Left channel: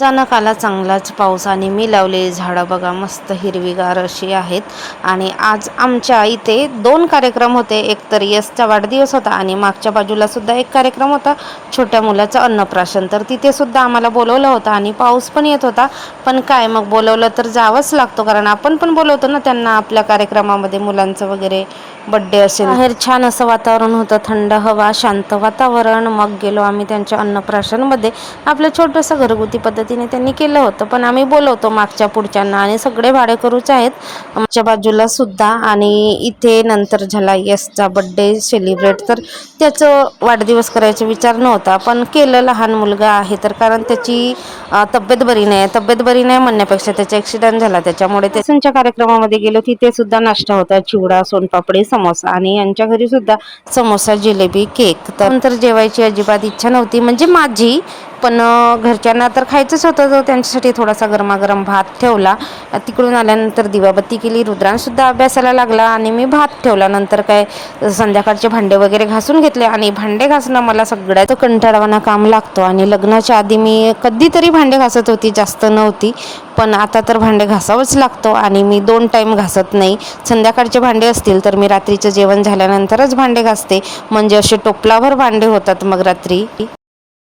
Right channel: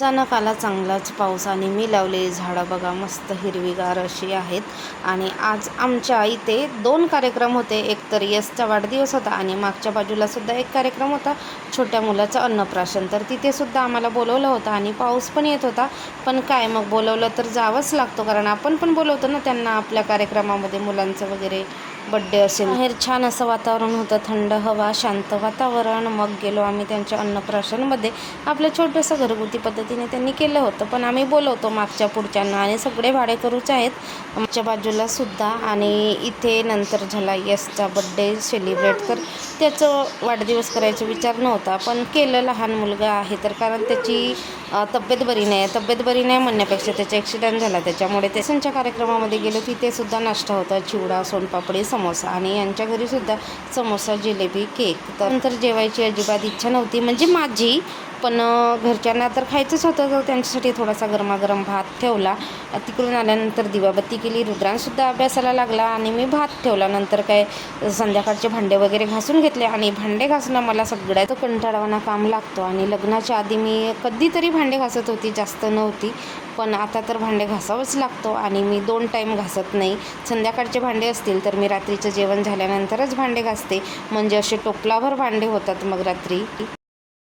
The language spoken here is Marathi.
अचानक आला चांगलाच पाऊस आणि मी लावलेली झाडं बघा मस्त हिरवीगार अशी आहेत. आणि आज आमच्या इथे दोन कार्यक्रम होते. एक तर यसचा वाढदिवस होता आणि मागच्या बाजूला सुद्धा एक कार्यक्रम होता. छोट्या मुलाचं अन्नप्राशन तर तिथे सुद्धा आम्हाला बोलवलं होतं आणि पाऊस पण येत होता. पण काय मग बोलवलं तर जावंच लागतो कारण आपण पण बोलवतो ना त्यांना आपल्या कार्यक्रमामध्ये मुलांचं वगैरे. बड्डे असेल. बाहेर छान असं वातावरण होतं थंड हवा शांत वातावरण. मग गेलो आम्ही त्यांच्या अन्नप्राशनमध्ये. आपलं छोटंसं घरगुती पद्धतीने त्यांनी केलं होतं पण आम्ही बोलवतो मागच्या पुढच्यांना आणि सगळे भाडेकरूच आहेत. आमच्या बाजूला सुद्धा आणि इथे नंतर झाला यसचा बड्डे सेलिब्रेट तर त्याचं वाढदिवस करायचा विचार नव्हता पण केलं लहान मुलगा आहे तर कारण त्याची तब्येत बरी नाही. तब्येत बरी नाही म्हणण्यापेक्षा त्याचा ॲक्सिडेंट झाला. त्याच्यामुळे ते कार्यक्रमामध्ये गेलो तिथे सुद्धा नाश्ता होता. चिवडा सोनपापडी समोसा. आणि यांच्या घरी सुद्धा समोसा जिलेबी केक. तर नंतर जेवायची अजिबात इच्छा नव्हती. म्हणजे माझी पण घरच्यांना तर खायचंच होतं. तर त्यांच्यासाठी थोडासा गरमागरम भात ठेवला. तिकडून आल्यानंतर दिवाबत्ती केली. रुद्रांसुद्धा अभ्यासाला लागला आणि मी भात ठेवला. नंतर काय संध्याकाळचे भांडे वगैरे घासून घेतले. आणि भांडे घासणं मला सगळ्यात कंटाळवाना काम लागतो. आणि लग्नाच्या आधी मी कधीतरी भांडे घासत होती. जास्त नव्हती. पण आता तर भांडे घासावंच लागतो. आणि मी दोन टाईम घासत नाही. संध्याकाळचे भांडे असतील तर मी रात्रीचं जेवण झाल्यानंतरच भांडे घासते. म्हणजे असे टोपलाभर भांडे होतात मग रात्री.